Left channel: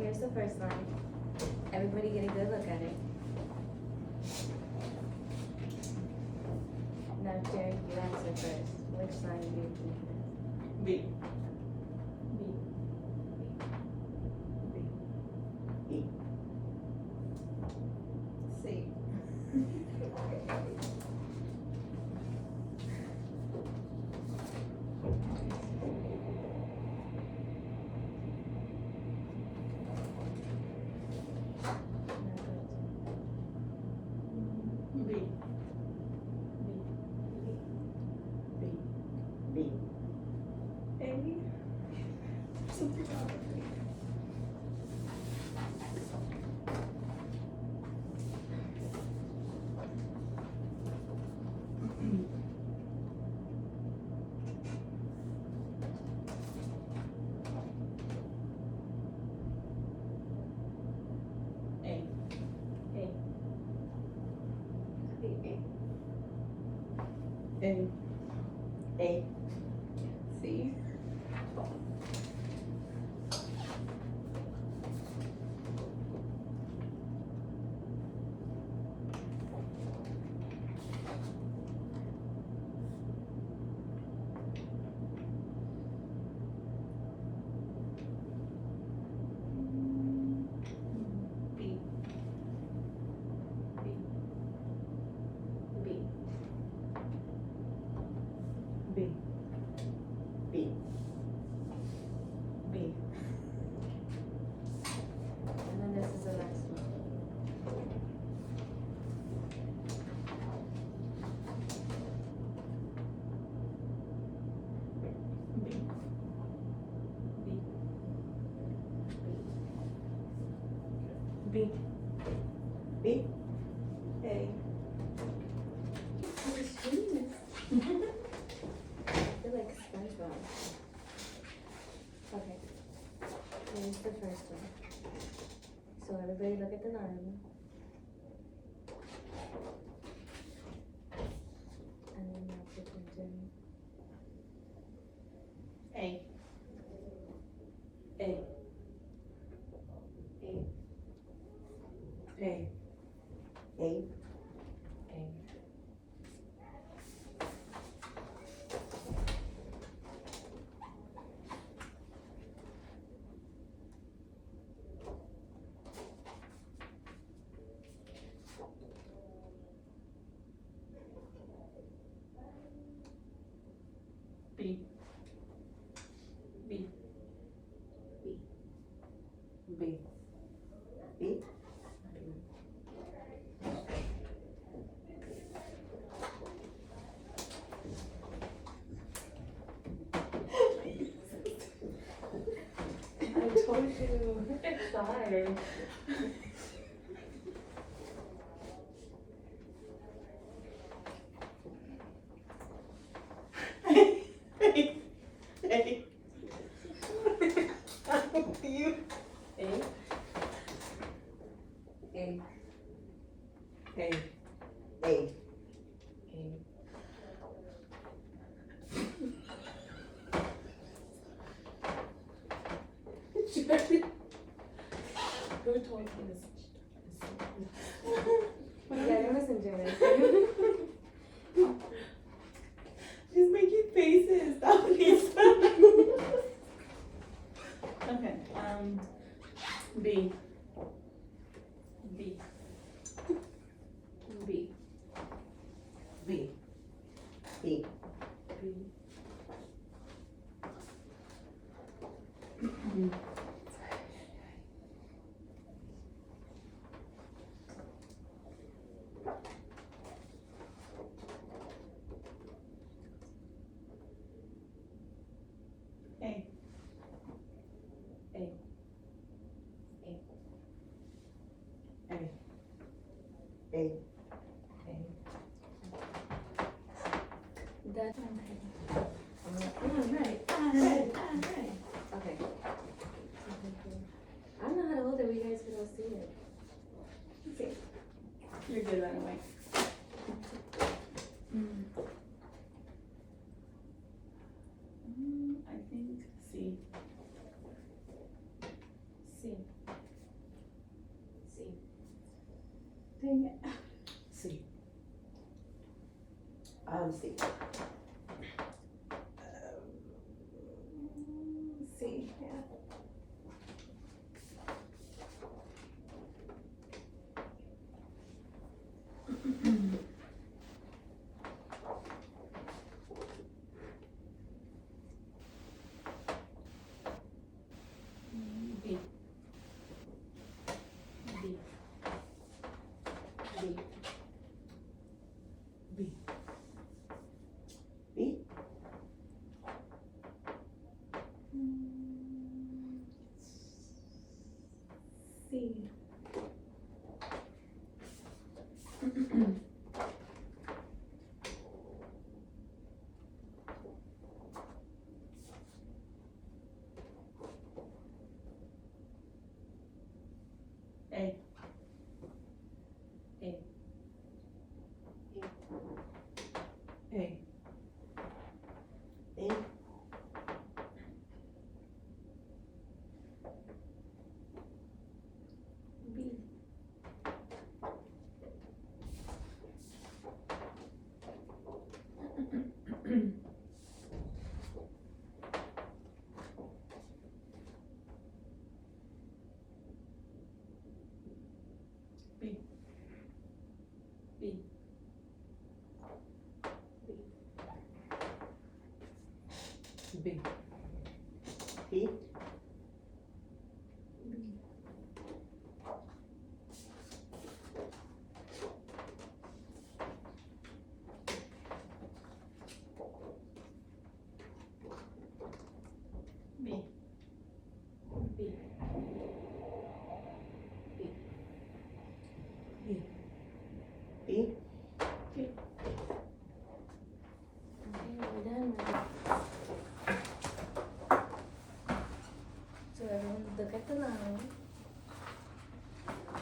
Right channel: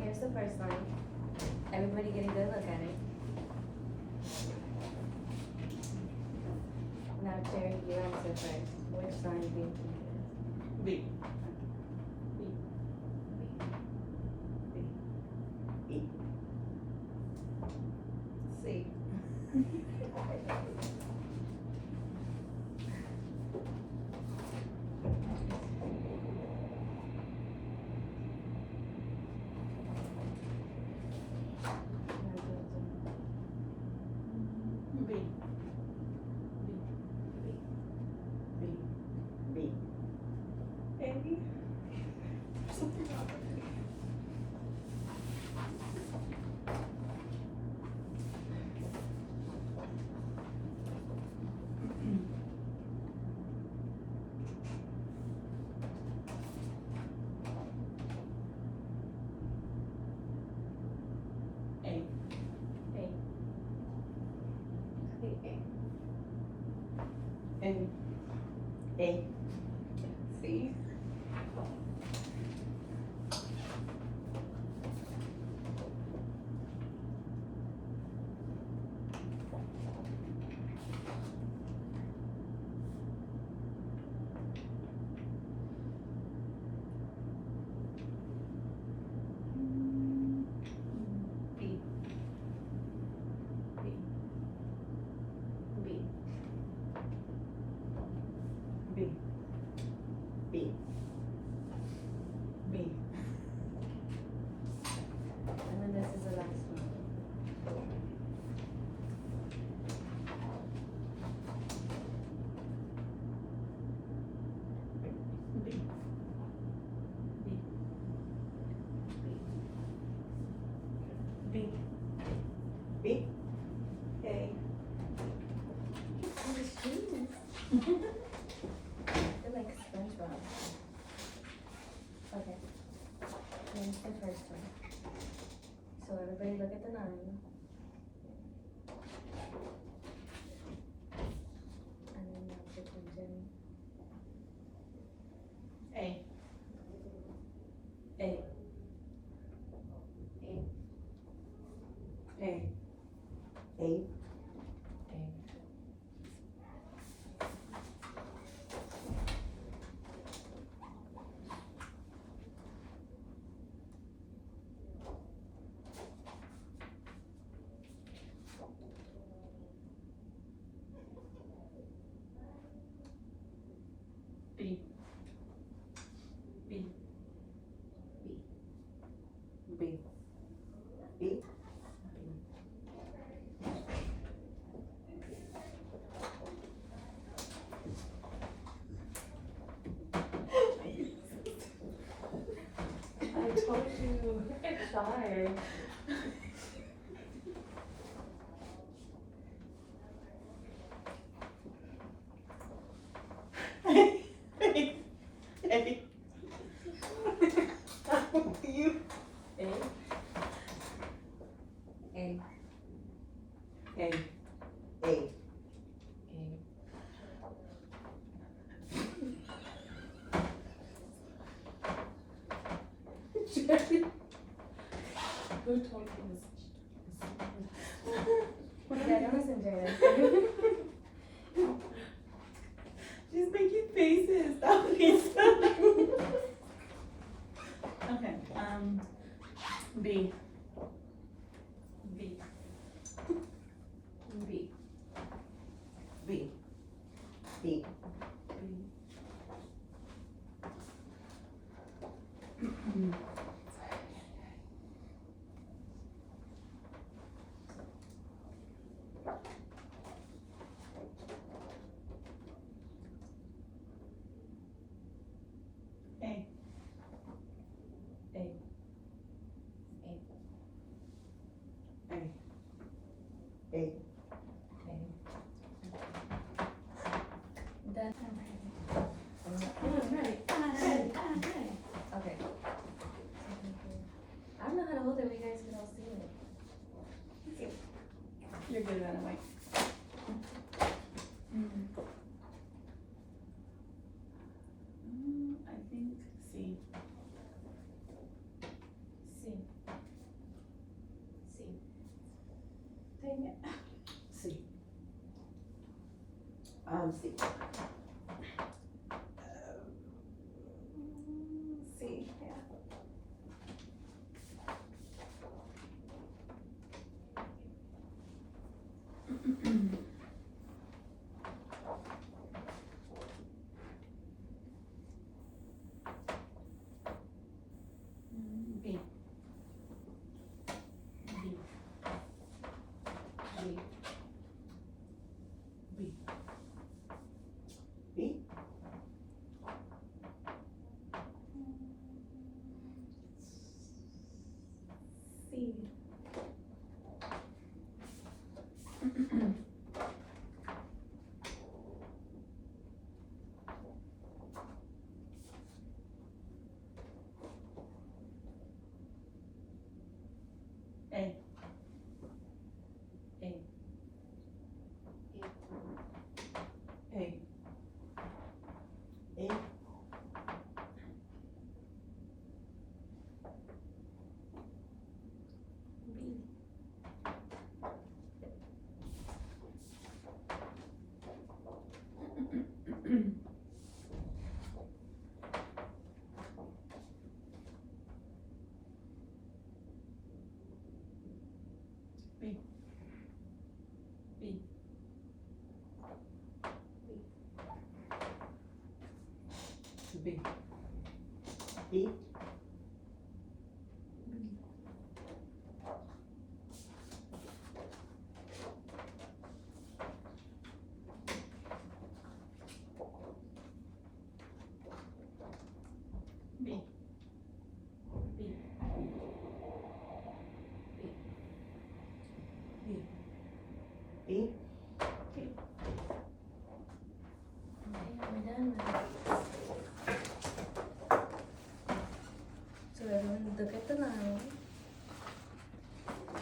here's the first line. Everybody get a good look at it. Now, Jerry, you answer first. Which sign do you think it is? B. E. C. B. B. A. A. A. A. C. B. B. B. B. And then this is the last one. B. B. B. A. Oh, shoes. They're like SpongeBob. Okay. Here's the first one. So everybody look at the line. And then now put attention. A. A. A. A. B. B. B. B. I told you. It's hard. A. A. You. A. A. A. A. Who told you Yeah, that wasn't Jerry. She's making faces. That would be so. Okay. B. B. B. B. B. B. A. A. A. That. Okay. I don't know how to hold it where you guys could all see it. You're good that way. I think C. C. C. Yeah. B. B. C. A. A. A. A. B. B. B. B. B. B. B. Okay, we're done with it. So everyone look at the line.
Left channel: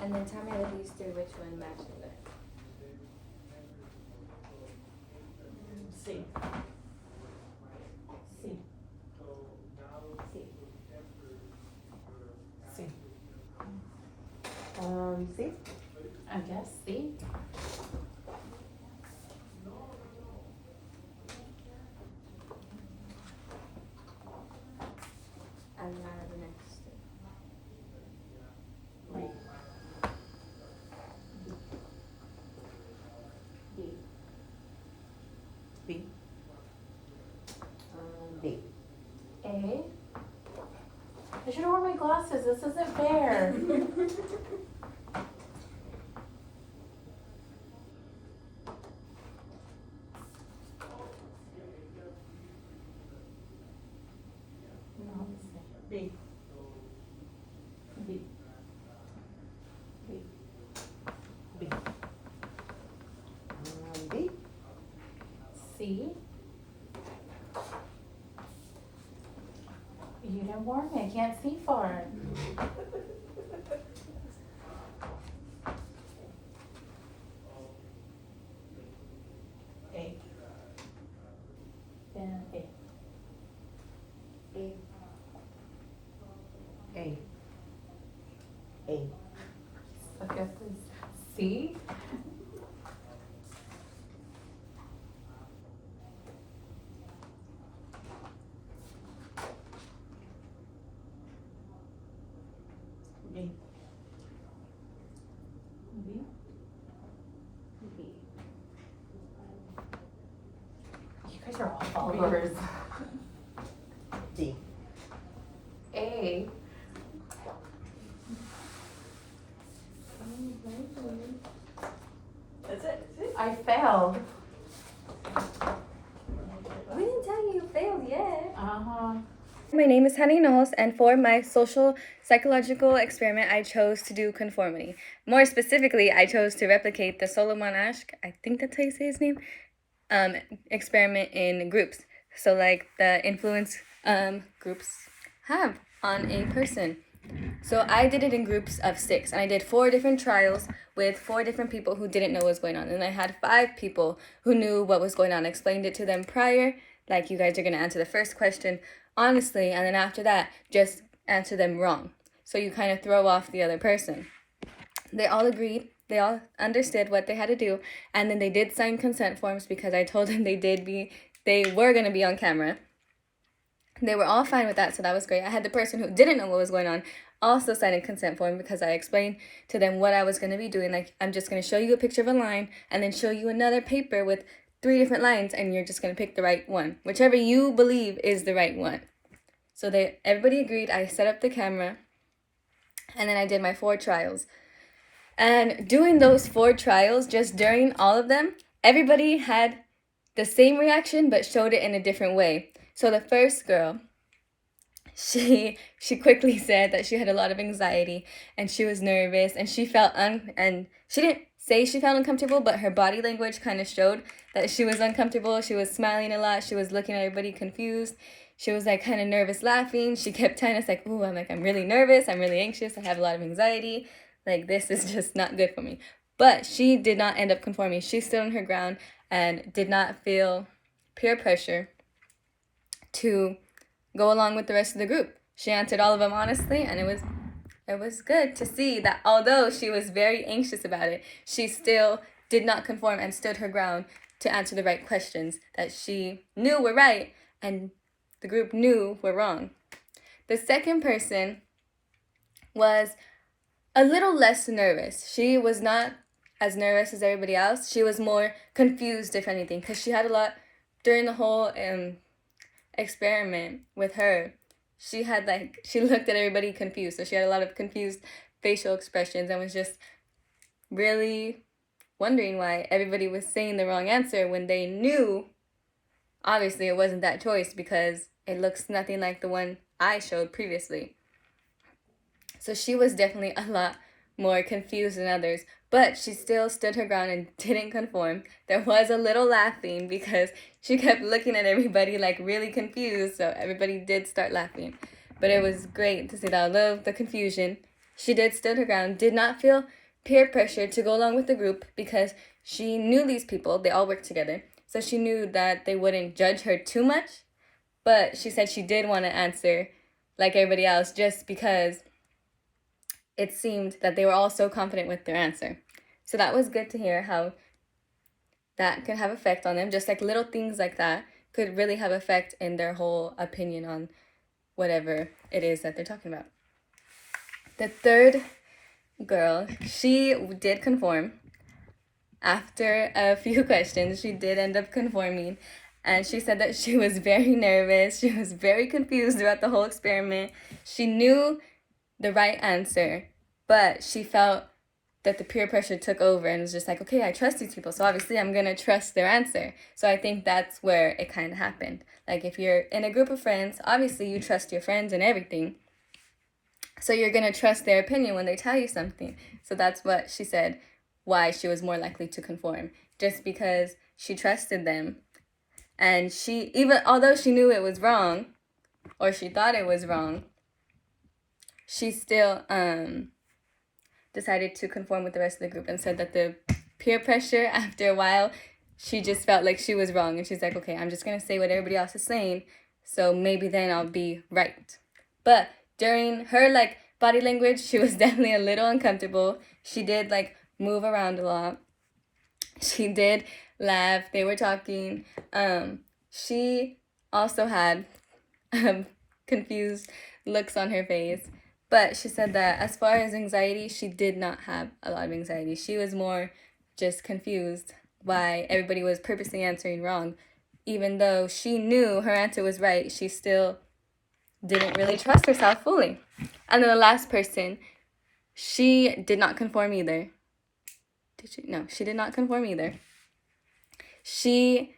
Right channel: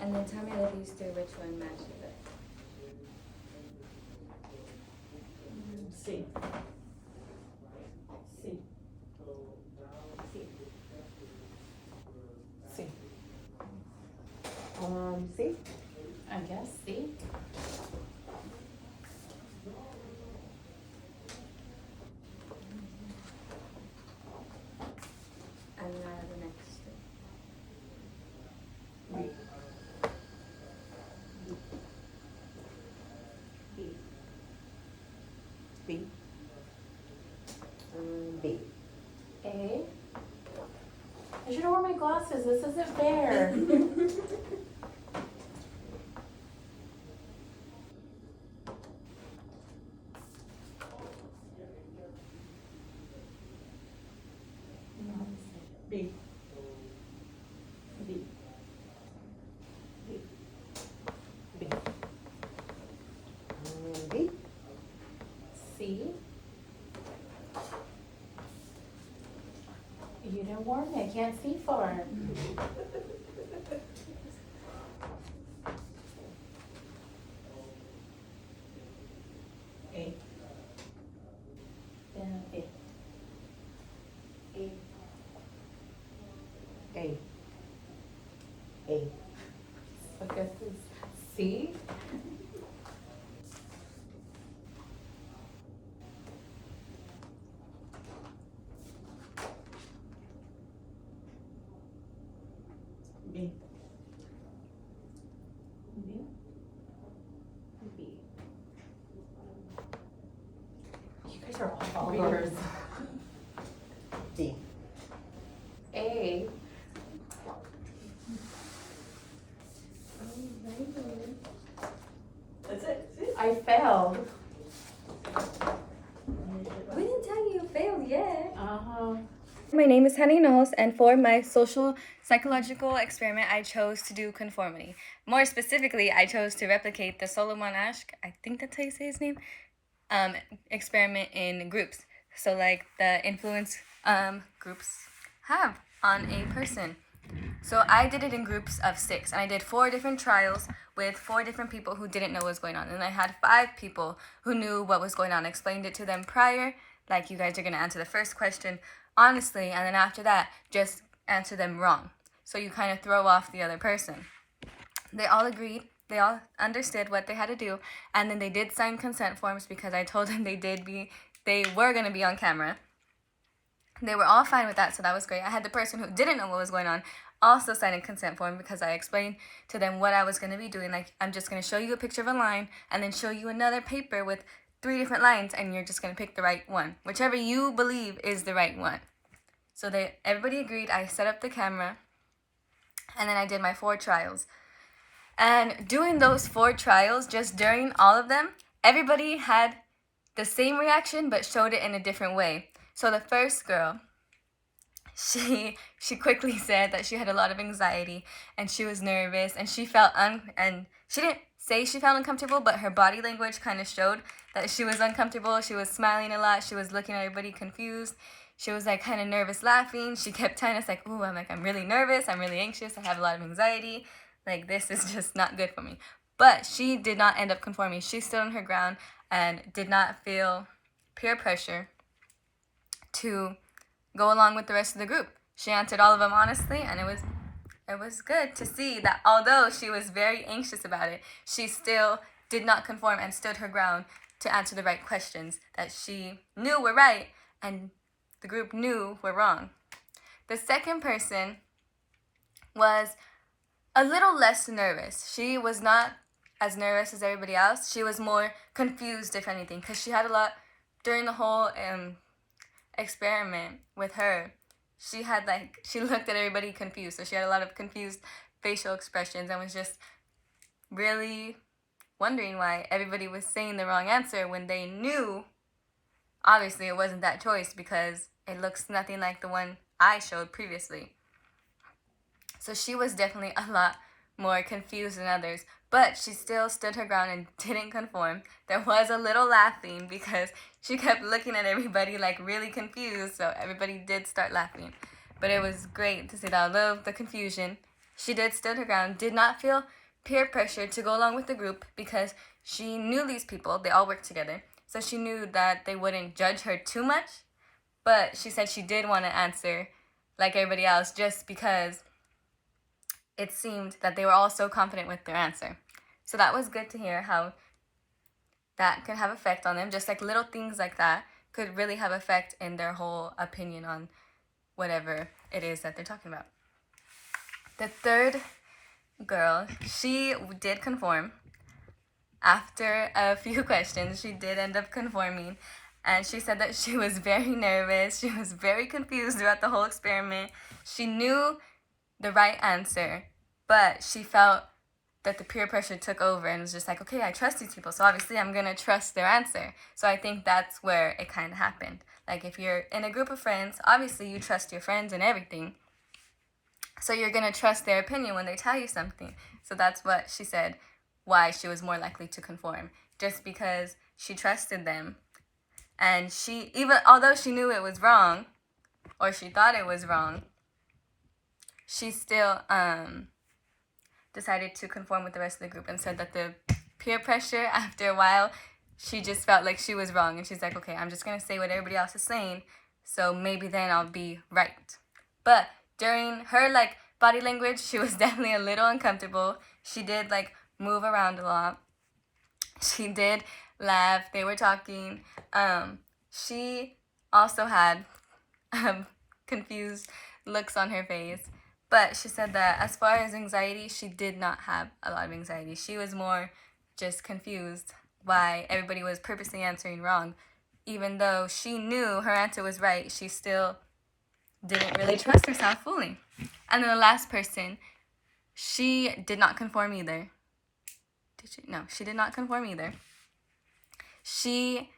And then tell me out of these three which one matches it. C. C. C. C. C. I guess C. And then out of the next three. B. B. B. B. A. I should have worn my glasses. This isn't fair. B. B. B. B. B. C. You didn't warn me. I can't see far. A. Yeah, A. A. A. A. Look at this. C. B. B. B. You guys are all followers. D. A. That's it. I failed. We didn't tell you you failed yet. Uh-huh. My name is Honey Knowles, and for my social psychological experiment, I chose to do conformity. More specifically, I chose to replicate the Solomon Asch, I think that's how you say his name, experiment in groups. So, like the influence groups have on a person. So I did it in groups of 6, and I did 4 different trials with 4 different people who didn't know what was going on. And I had 5 people who knew what was going on. I explained it to them prior, like you guys are going to answer the first question honestly, and then after that, just answer them wrong. So you kind of throw off the other person. They all agreed. They all understood what they had to do, and then they did sign consent forms because I told them they were going to be on camera. They were all fine with that, so that was great. I had the person who didn't know what was going on also sign a consent form because I explained to them what I was going to be doing. Like, I'm just going to show you a picture of a line and then show you another paper with 3 different lines, and you're just going to pick the right one, whichever you believe is the right one. So everybody agreed. I set up the camera, and then I did my 4 trials. And doing those 4 trials, just during all of them, everybody had the same reaction but showed it in a different way. So the first girl, she quickly said that she had a lot of anxiety and she was nervous and she felt and she didn't say she felt uncomfortable, but her body language kind of showed that she was uncomfortable. She was smiling a lot. She was looking at everybody confused. She was like kind of nervous laughing. She kept telling us like, ooh, I'm really nervous. I'm really anxious. I have a lot of anxiety. Like, this is just not good for me. But she did not end up conforming. She stood on her ground and did not feel peer pressure to go along with the rest of the group. She answered all of them honestly, and it was good to see that although she was very anxious about it, she still did not conform and stood her ground to answer the right questions that she knew were right and the group knew were wrong. The second person was a little less nervous. She was not as nervous as everybody else. She was more confused, if anything, because she had a lot during the whole experiment with her. She looked at everybody confused, so she had a lot of confused facial expressions and was just really wondering why everybody was saying the wrong answer when they knew obviously it wasn't that choice because it looks nothing like the one I showed previously. So she was definitely a lot more confused than others, but she still stood her ground and didn't conform. There was a little laughing because she kept looking at everybody like really confused, so everybody did start laughing. But it was great to see that although the confusion, she did stood her ground, did not feel peer pressure to go along with the group because she knew these people, they all worked together, so she knew that they wouldn't judge her too much. But she said she did want to answer like everybody else just because it seemed that they were all so confident with their answer. So that was good to hear how that could have effect on them. Just like little things like that could really have effect in their whole opinion on whatever it is that they're talking about. The third girl, she did conform. After a few questions, she did end up conforming. And she said that she was very nervous. She was very confused throughout the whole experiment. She knew the right answer, but she felt that the peer pressure took over and was just like, okay, I trust these people, so obviously I'm gonna trust their answer. So I think that's where it kind of happened. Like, if you're in a group of friends, obviously you trust your friends and everything, so you're gonna trust their opinion when they tell you something. So that's what she said, why she was more likely to conform, just because she trusted them. And she, even although she knew it was wrong, or she thought it was wrong, she still decided to conform with the rest of the group and said that the peer pressure, after a while, she just felt like she was wrong. And she's like, okay, I'm just going to say what everybody else is saying, so maybe then I'll be right. But during her, body language, she was definitely a little uncomfortable. She did, move around a lot. She did laugh. They were talking. She also had confused looks on her face. But she said that as far as anxiety, she did not have a lot of anxiety. She was more just confused why everybody was purposely answering wrong. Even though she knew her answer was right, she still didn't really trust herself fully. And then the last person, she did not conform either. Did she? No, she did not conform either. She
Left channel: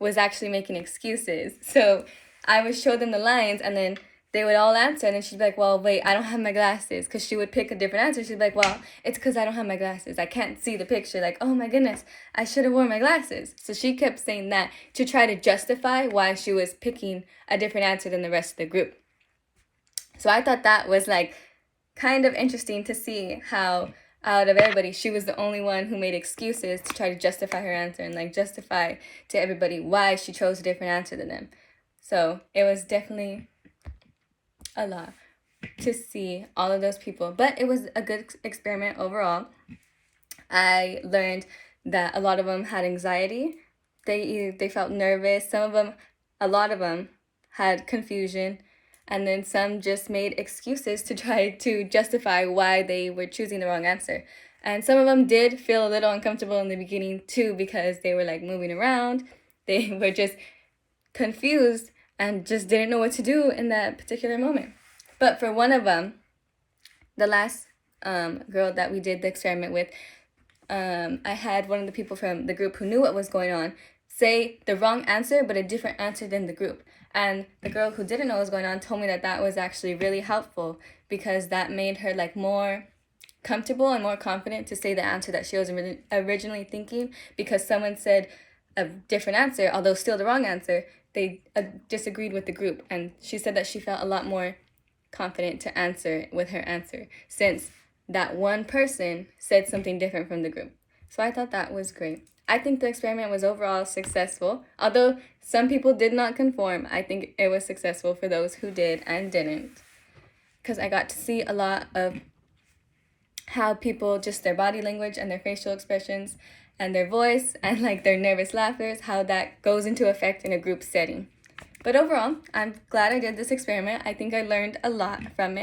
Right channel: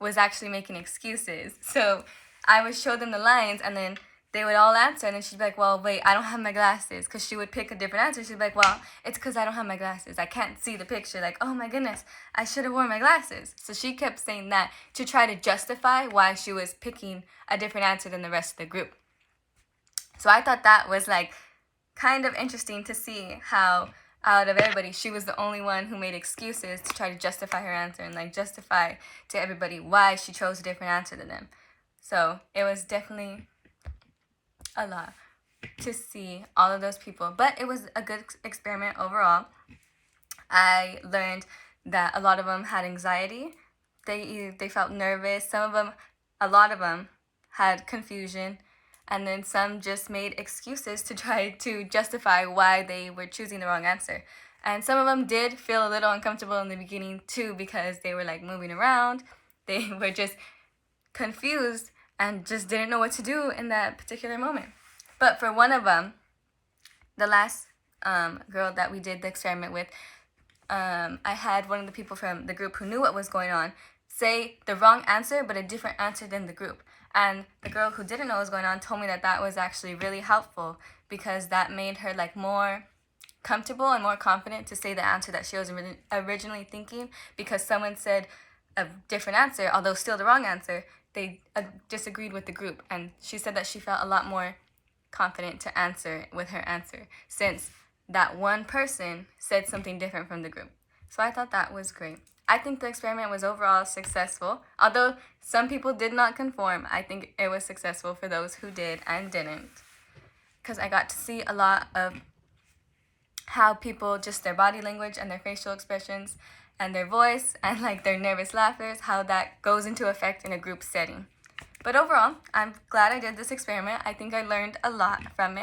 was actually making excuses. So I would show them the lines, and then they would all answer, and then she'd be like, well, wait, I don't have my glasses, because she would pick a different answer. She'd be like, well, it's because I don't have my glasses. I can't see the picture. Like, oh my goodness, I should have worn my glasses. So she kept saying that to try to justify why she was picking a different answer than the rest of the group. So I thought that was kind of interesting to see how out of everybody, she was the only one who made excuses to try to justify her answer and justify to everybody why she chose a different answer than them. So it was definitely a lot to see all of those people, but it was a good experiment overall. I learned that a lot of them had anxiety. They felt nervous. A lot of them had confusion, and then some just made excuses to try to justify why they were choosing the wrong answer. And some of them did feel a little uncomfortable in the beginning too, because they were like moving around. They were just confused and just didn't know what to do in that particular moment. But for one of them, the last girl that we did the experiment with, I had one of the people from the group who knew what was going on say the wrong answer, but a different answer than the group. And the girl who didn't know what was going on told me that that was actually really helpful, because that made her like more comfortable and more confident to say the answer that she was originally thinking, because someone said a different answer, although still the wrong answer. They disagreed with the group, and she said that she felt a lot more confident to answer with her answer, since that one person said something different from the group. So I thought that was great. I think the experiment was overall successful. Although some people did not conform, I think it was successful for those who did and didn't, because I got to see a lot of how people, just their body language and their facial expressions and their voice and like their nervous laughers, how that goes into effect in a group setting. But overall, I'm glad I did this experiment. I think I learned a lot from it.